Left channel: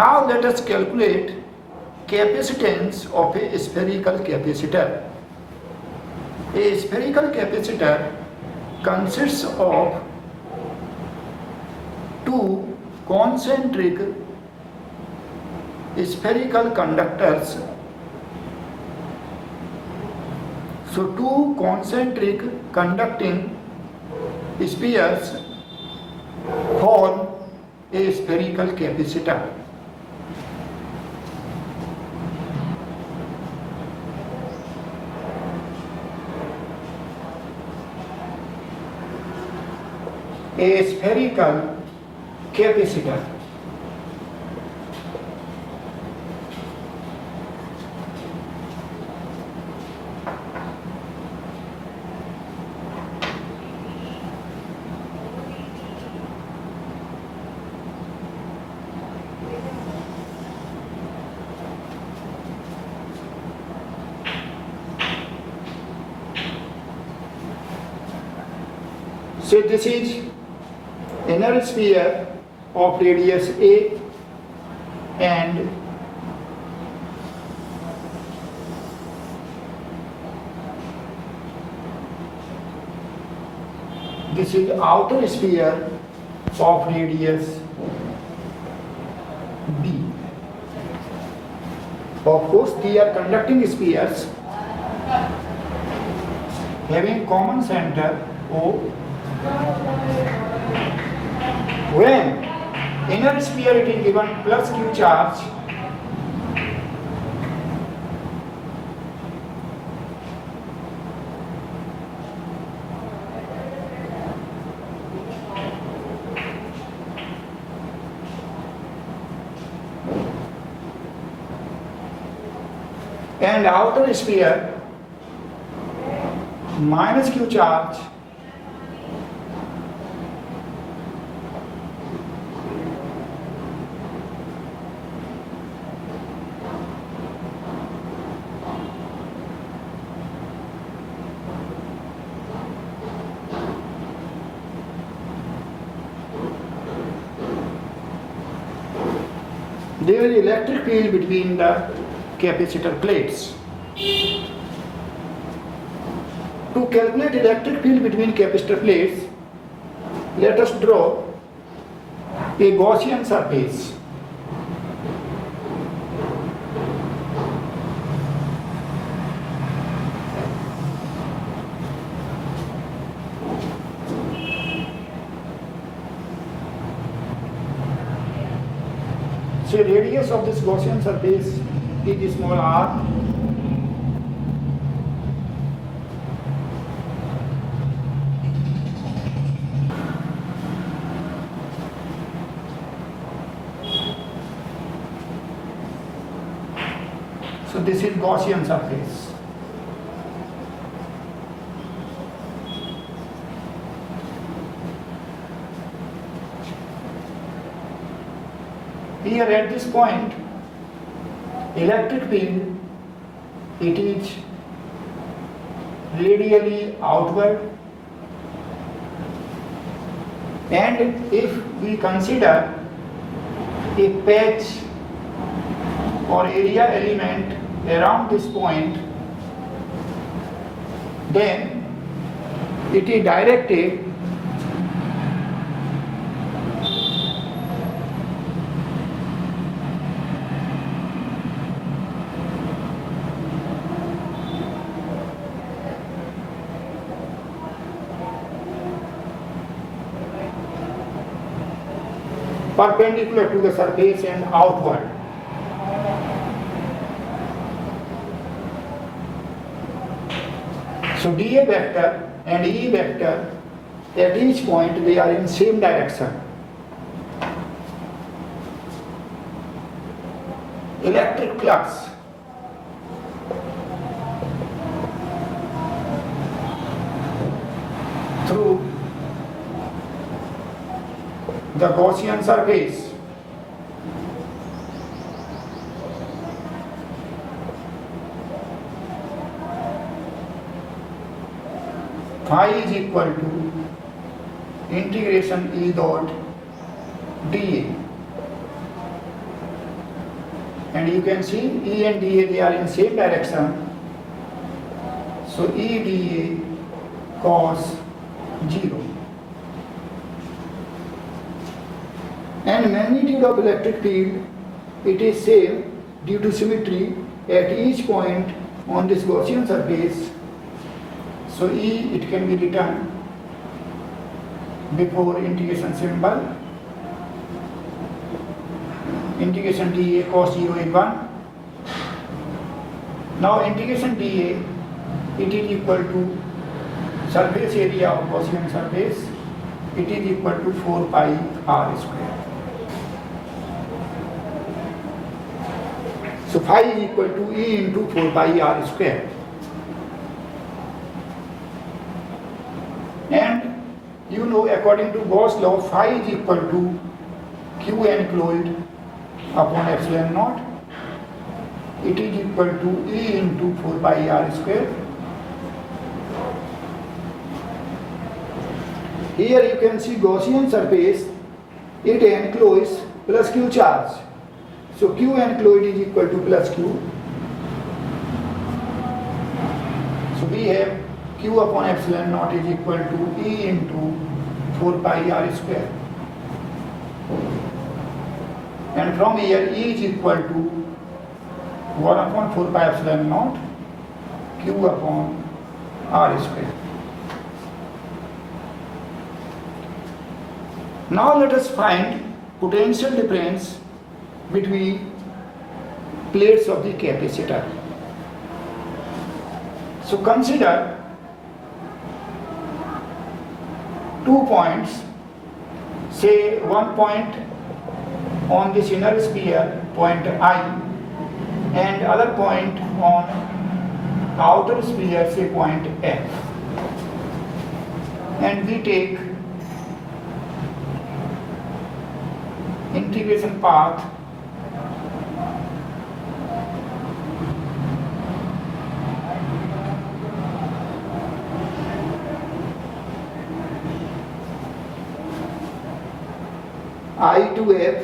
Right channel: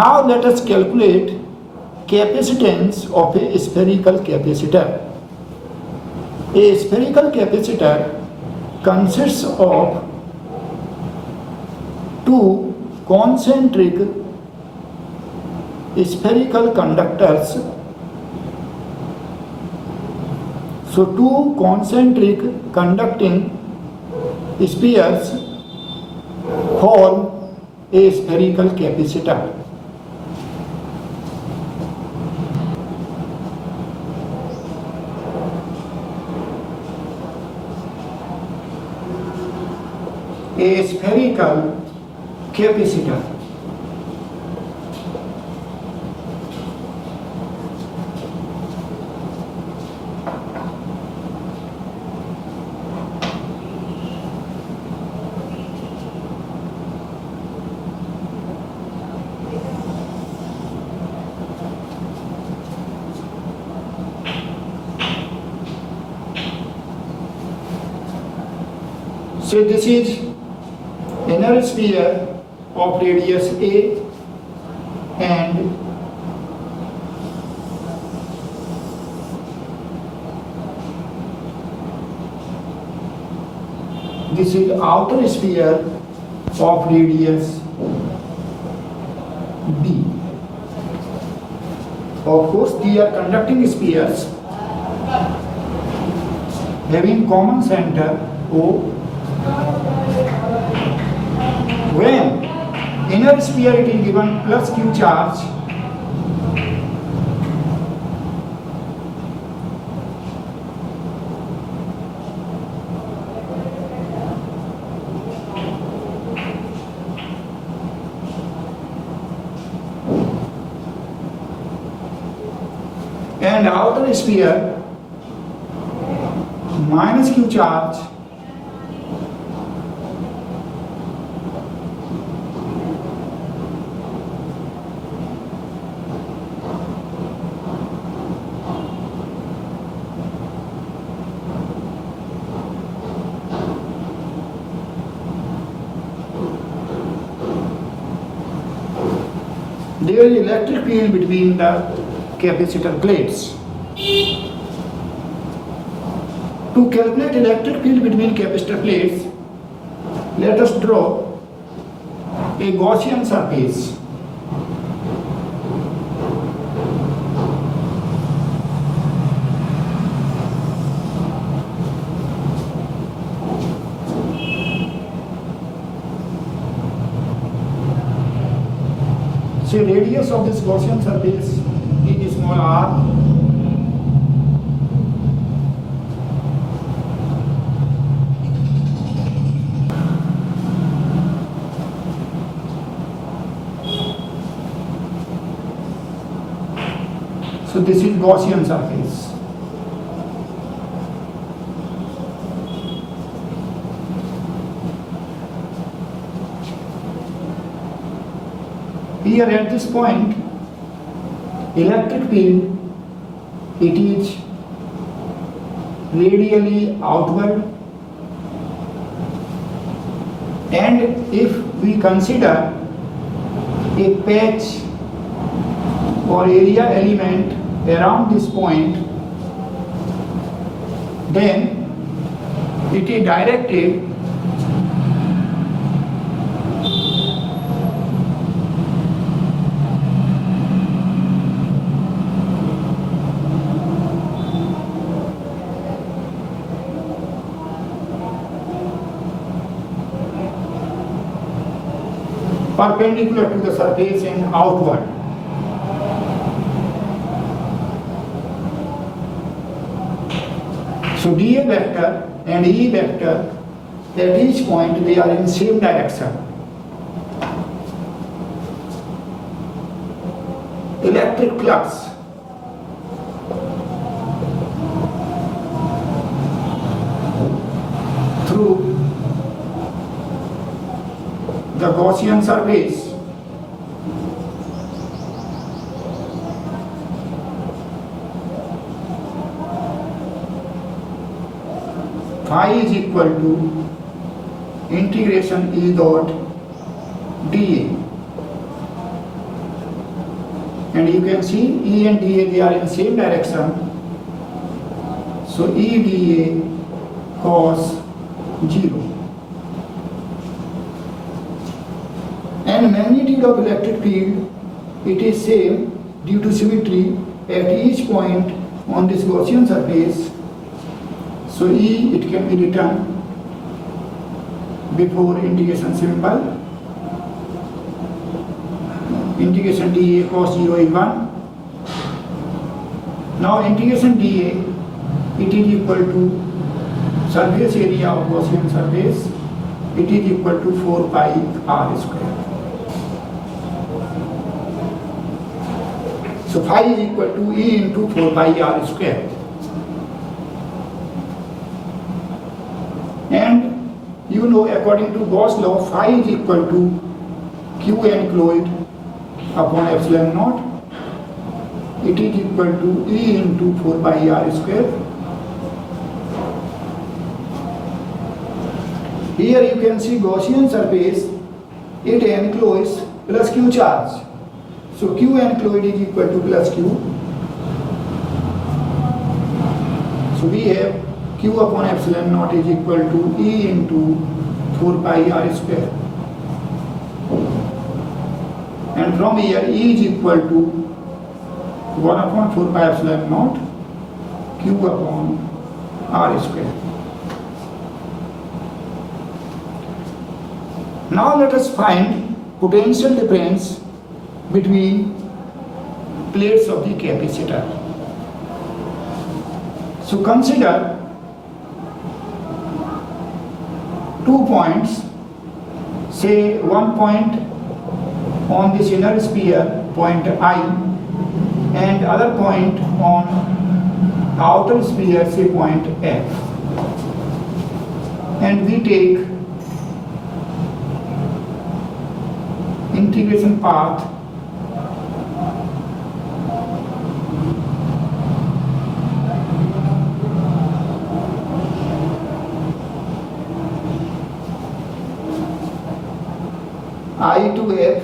Now let us calculate capacitance of a spherical capacitor. A spherical capacitor consists of two concentric spherical conductors. So two concentric conducting spheres form a spherical capacitor. A spherical capacitor. So this is inner sphere of radius A and this is outer sphere of radius B. Of course, they are conducting spheres having common center O. When inner sphere it is given plus Q charge, and outer sphere minus Q charge, there is electric field between the capacitor plates. To calculate electric field between capacitor plates, let us draw a Gaussian surface. So radius of this Gaussian surface is small r. So this is Gaussian surface. Here at this point, electric field, it is radially outward, and if we consider a patch or area element around this point, then it is directed perpendicular to the surface and outward. So dA vector and E vector at each point they are in same direction. Electric flux through the Gaussian surface phi is equal to integration E dot dA. and you can see E and dA, they are in same direction. So E dA cos 0. And magnitude of electric field, it is same due to symmetry at each point on this Gaussian surface. So E, it can be written before integration symbol. Integration dA cos 0 is 1. Now integration dA, it is equal to surface area of Gaussian surface. It is equal to 4 pi r square. So phi is equal to E into 4 pi r square. And you know, according to Gauss law, phi is equal to Q enclosed upon epsilon naught. It is equal to E into 4 pi r square. Here you can see Gaussian surface, it enclosed plus Q charge. So Q enclosed is equal to plus Q. So we have Q upon epsilon naught is equal to E into 4 pi r square. And from here E is equal to 1 upon 4 pi epsilon naught Q upon r square. Now let us find potential difference between plates of the capacitor. So consider 2 points, say one point on this inner sphere, point I, and other point on outer sphere, say point F. And we take integration path I to F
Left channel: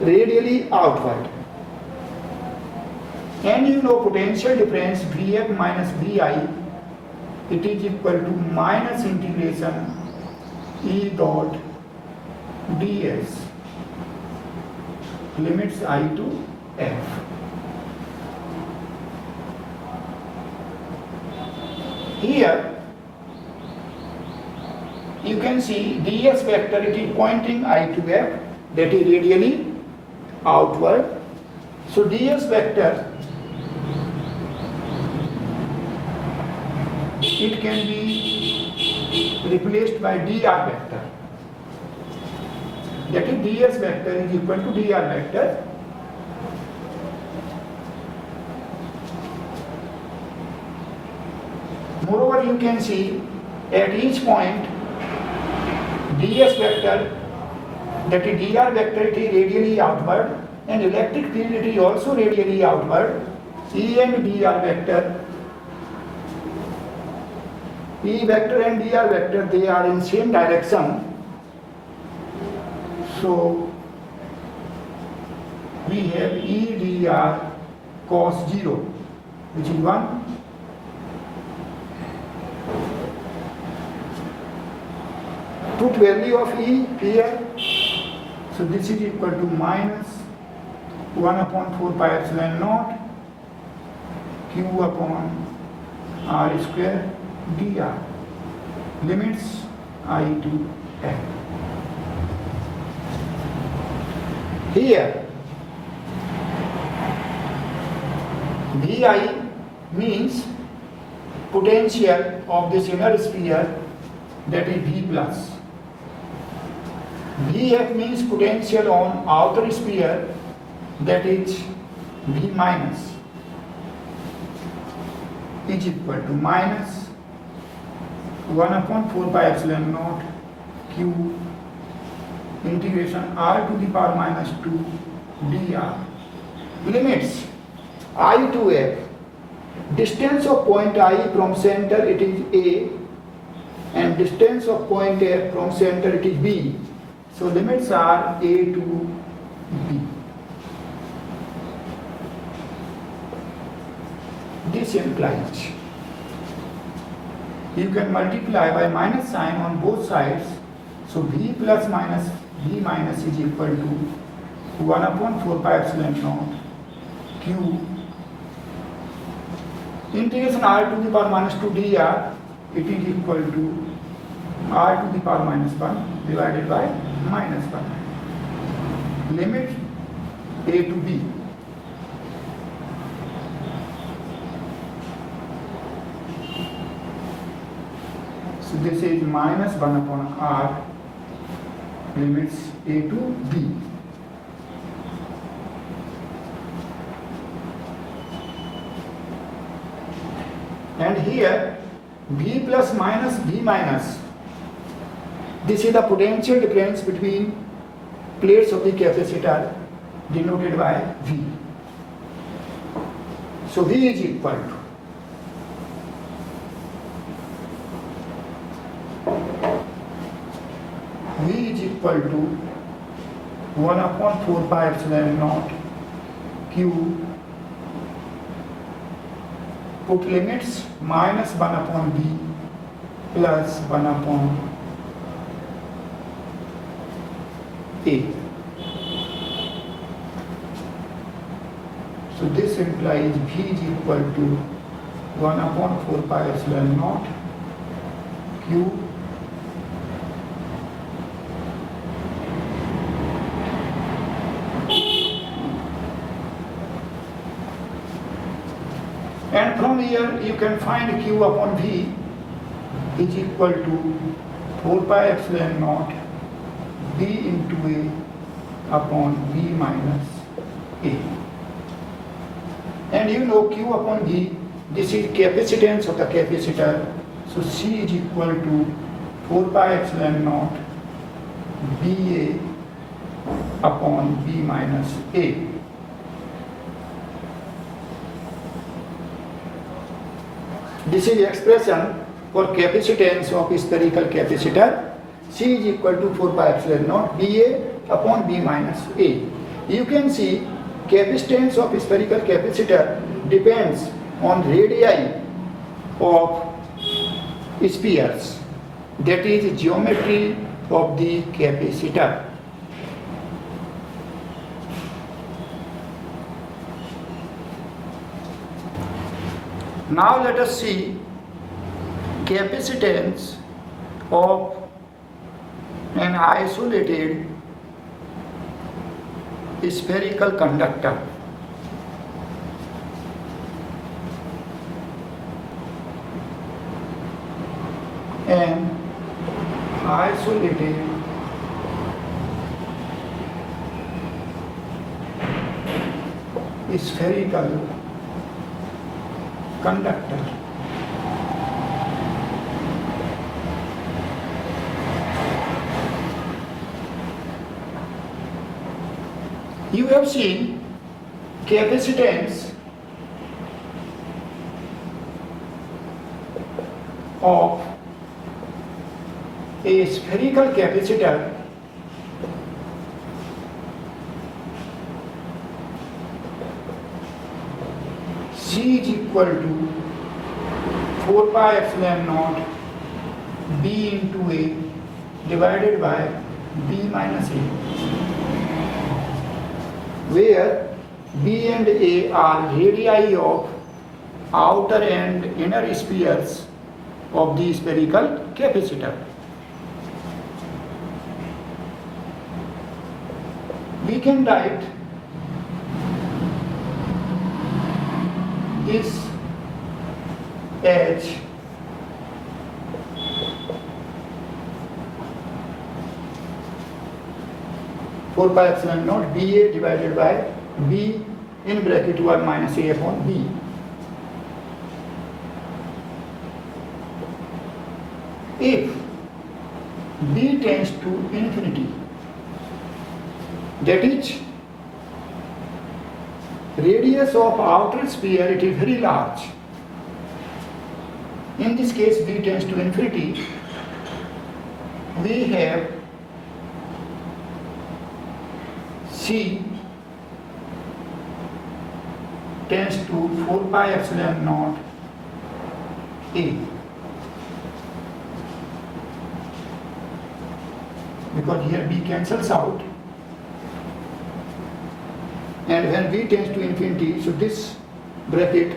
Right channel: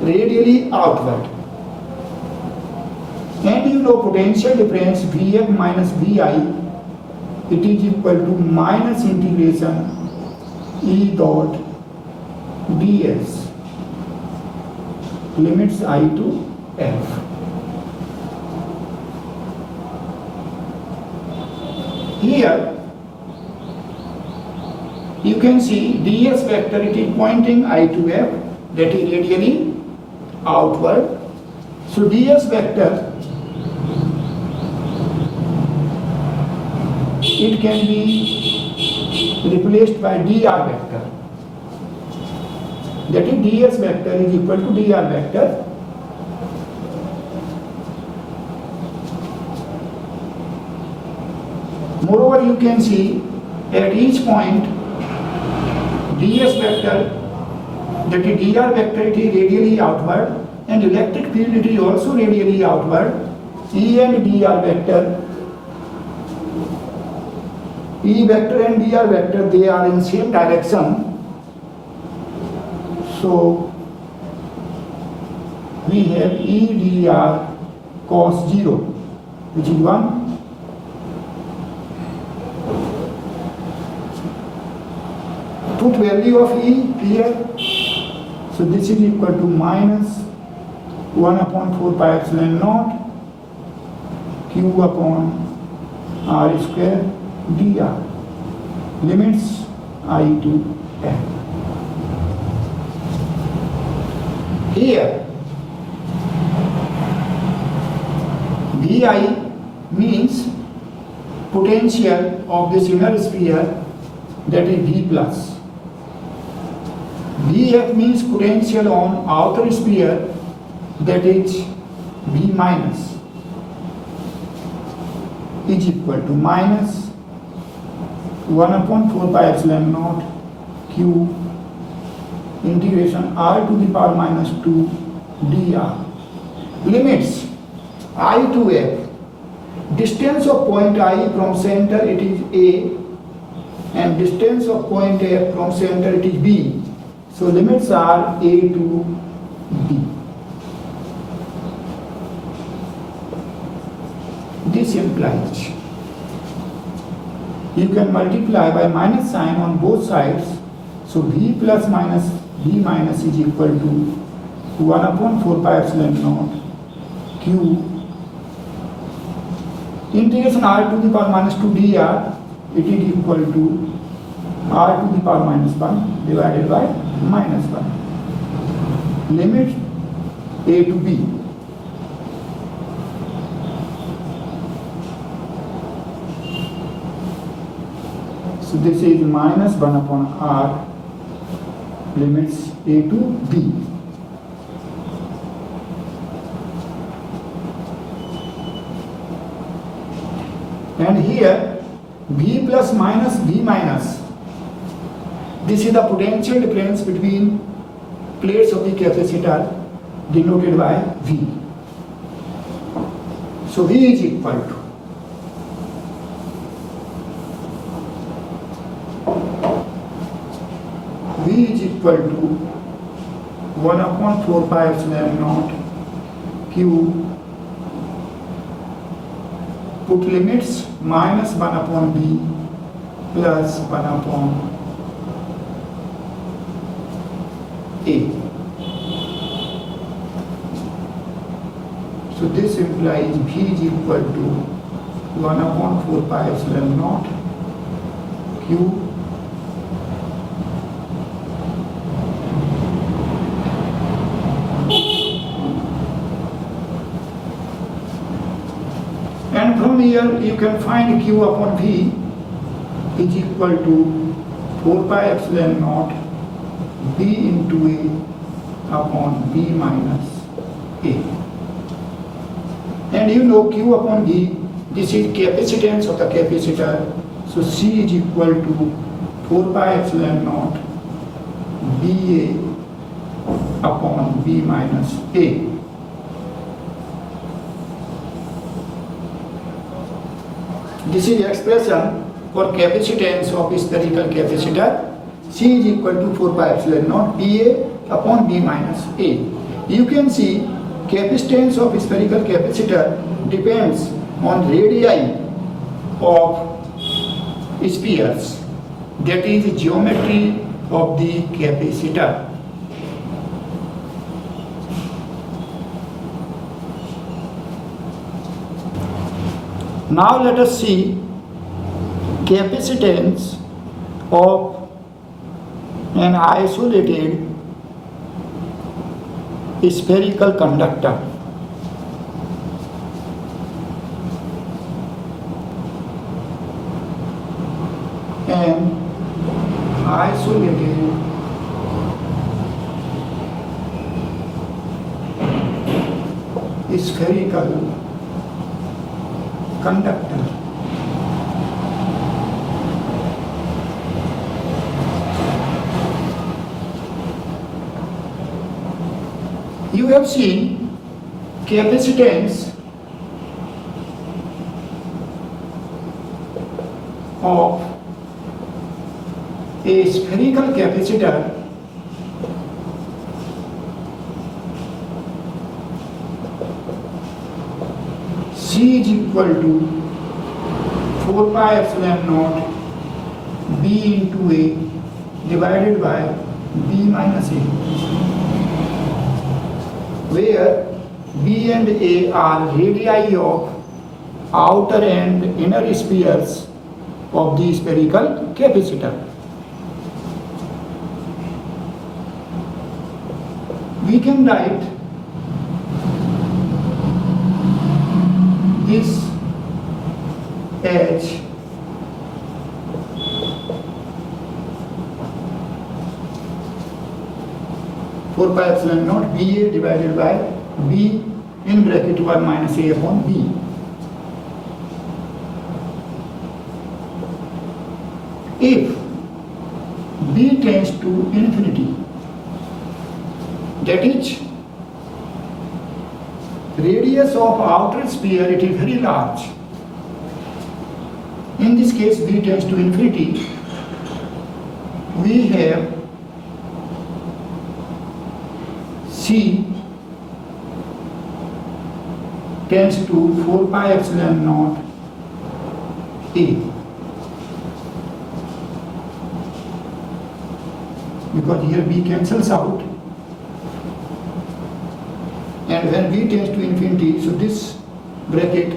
radially outward. And you know potential difference Vf minus Vi, it is equal to minus integration E dot ds, limits I to F. Here you can see ds vector, it is pointing I to F, that is radially outward. So ds vector, it can be replaced by dr vector. That is ds vector is equal to dr vector. Moreover, you can see at each point ds vector, that is dr vector, it is radially outward, and electric field, it is also radially outward. E and dr vector, E vector and dr vector, they are in same direction. So we have E dr cos 0, which is 1. Put value of E here. So this is equal to minus 1 upon 4 pi epsilon naught Q upon r square dr, limits I to F. Here di means potential of this inner sphere, that is V plus. Vf means potential on outer sphere, that is V minus, is equal to minus 1 upon 4 pi epsilon naught Q integration r to the power minus 2 dr, limits I to F. Distance of point I from center, it is A, and distance of point F from center, it is B. So limits are A to B. multiplies. You can multiply by minus sign on both sides. So v plus minus v minus is equal to 1 upon 4 pi epsilon naught q integration r to the power minus 2 dr. It is equal to r to the power minus 1 divided by minus 1. Limit a to b. So this is minus 1 upon r limits a to b. And here v plus minus v minus, this is the potential difference between plates of the capacitor denoted by v. So v is equal to v is equal to 1 upon 4 pi epsilon naught q. Put limits minus 1 upon b plus 1 upon a. So this implies v is equal to 1 upon 4 pi epsilon naught q and from here you can find q upon v is equal to 4 pi epsilon naught b into a upon b minus a. And you know q upon v, this is capacitance of the capacitor. So c is equal to 4 pi epsilon naught ba upon b minus a. This is expression for capacitance of spherical capacitor. C is equal to 4 pi epsilon naught dA upon B minus A. You can see capacitance of spherical capacitor depends on radii of spheres, that is geometry of the capacitor. Now let us see capacitance of an isolated spherical conductor. An isolated spherical conductor. You have seen capacitance of a spherical capacitor C is equal to 4 pi epsilon naught B into A divided by B minus A, where B and A are radii of outer and inner spheres of the spherical capacitor. We can write this as four pi epsilon naught BA divided by B in bracket 1 minus A upon B. If B tends to infinity, that is radius of outer sphere, it is very large. In this case B tends to infinity, we have C tends to 4 pi epsilon naught A, because here B cancels out, and when B tends to infinity, so this bracket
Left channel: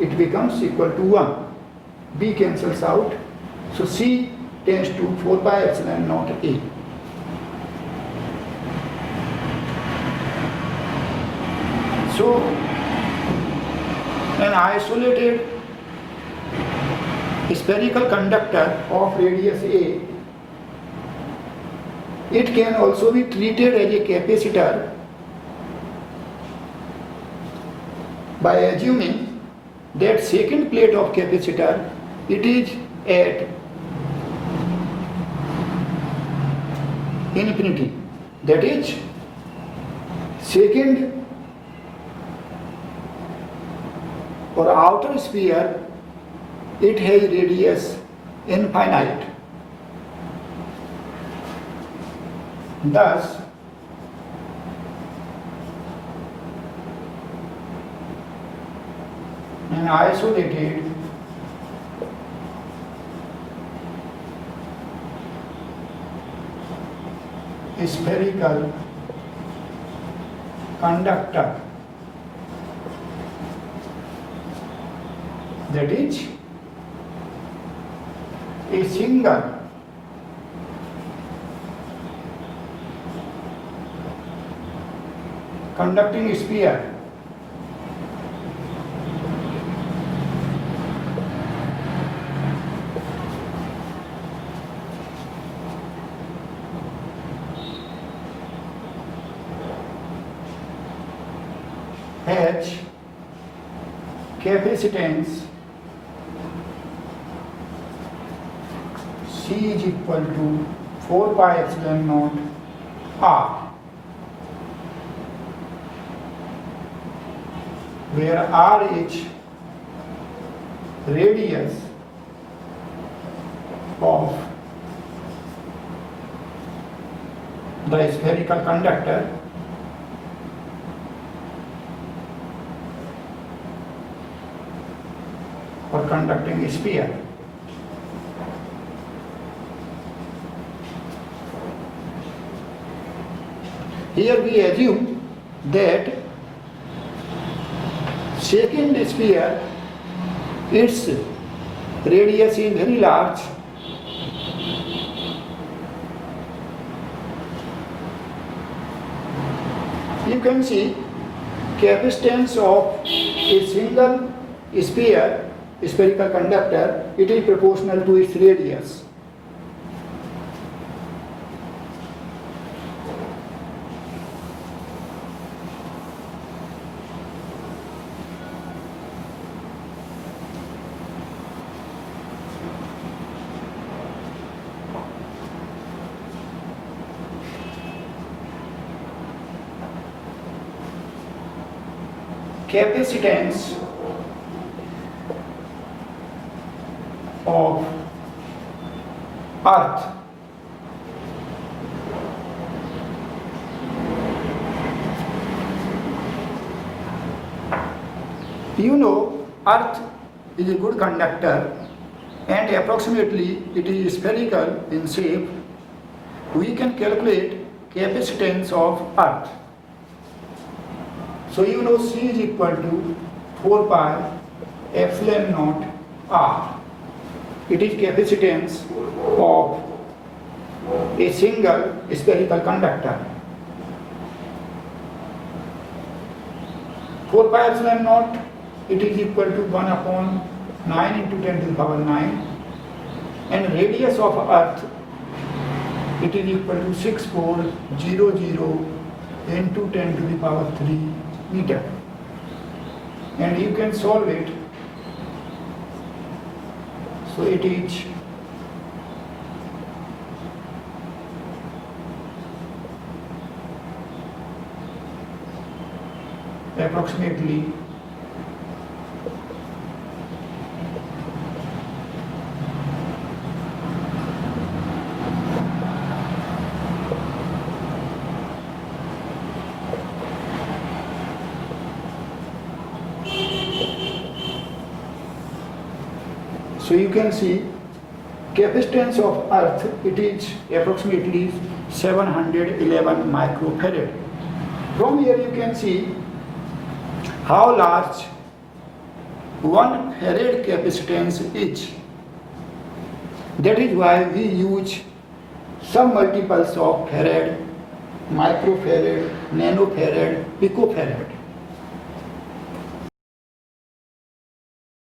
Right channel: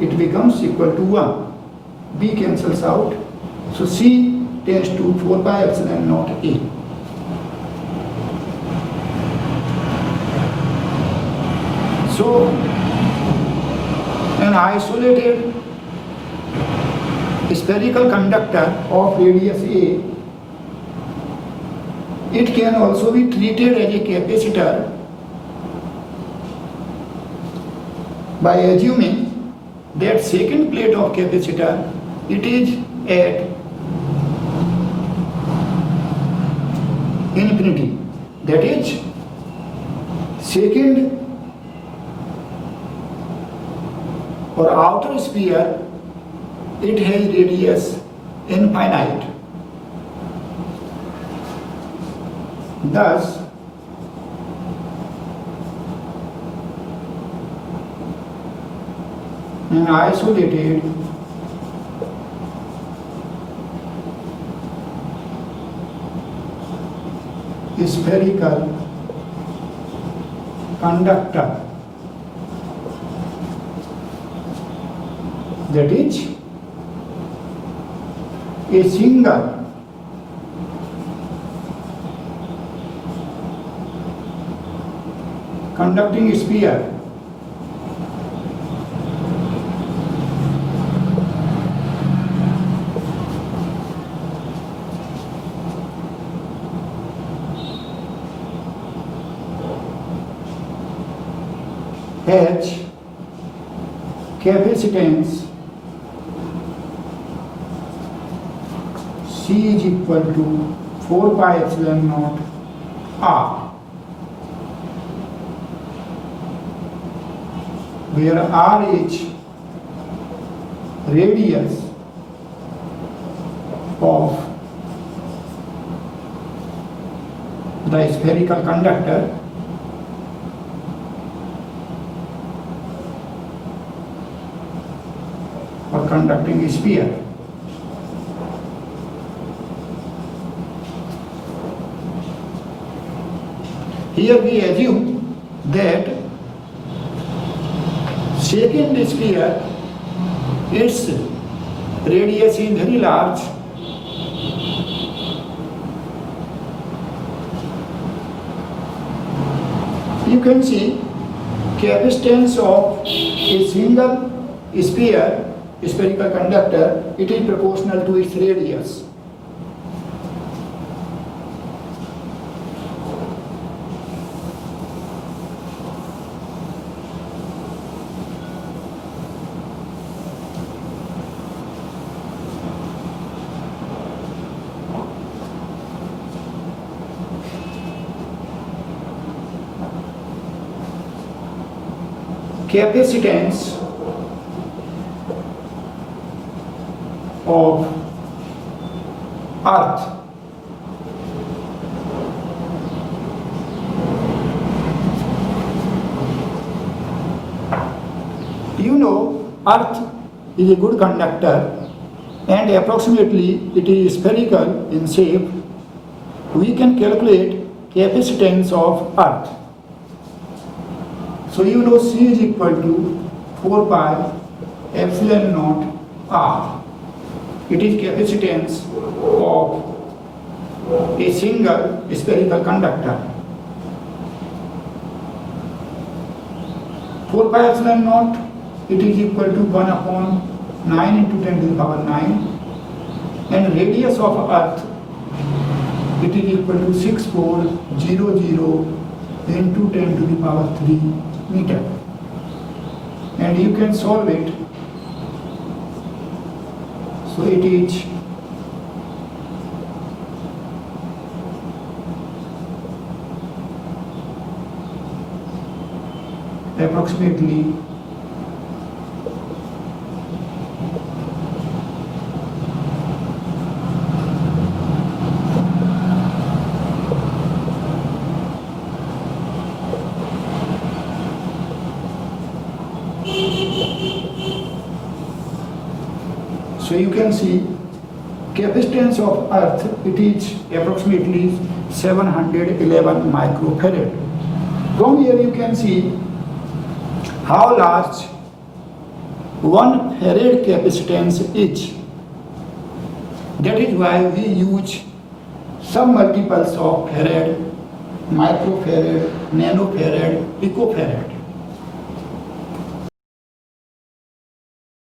it becomes equal to 1. B cancels out, so C tends to 4 pi epsilon naught A. So an isolated spherical conductor of radius A, it can also be treated as a capacitor by assuming that second plate of capacitor, it is at infinity. That is, second or outer sphere, it has radius infinite. Thus, an isolated spherical conductor, that is a single conducting sphere has capacitance C is equal to 4 pi epsilon naught R, where R is radius of the spherical conductor or conducting sphere. Here we assume that second sphere, its radius is very large, you can see capacitance of a single sphere, spherical conductor, it is proportional to its radius. Capacitance of Earth you know, Earth is a good conductor and approximately it is spherical in shape. We can calculate capacitance of Earth. So you know C is equal to 4 pi epsilon naught R. It is capacitance of a single spherical conductor. 4 pi epsilon naught, it is equal to 1 upon 9 into 10 to the power 9, and radius of Earth, it is equal to 6400 into 10 to the power 3 meter. And you can solve it. So it is approximately So you can see capacitance of earth, it is approximately 711 microfarad. From here you can see how large 1 farad capacitance is. That is why we use some multiples of farad, microfarad, nanofarad, picofarad.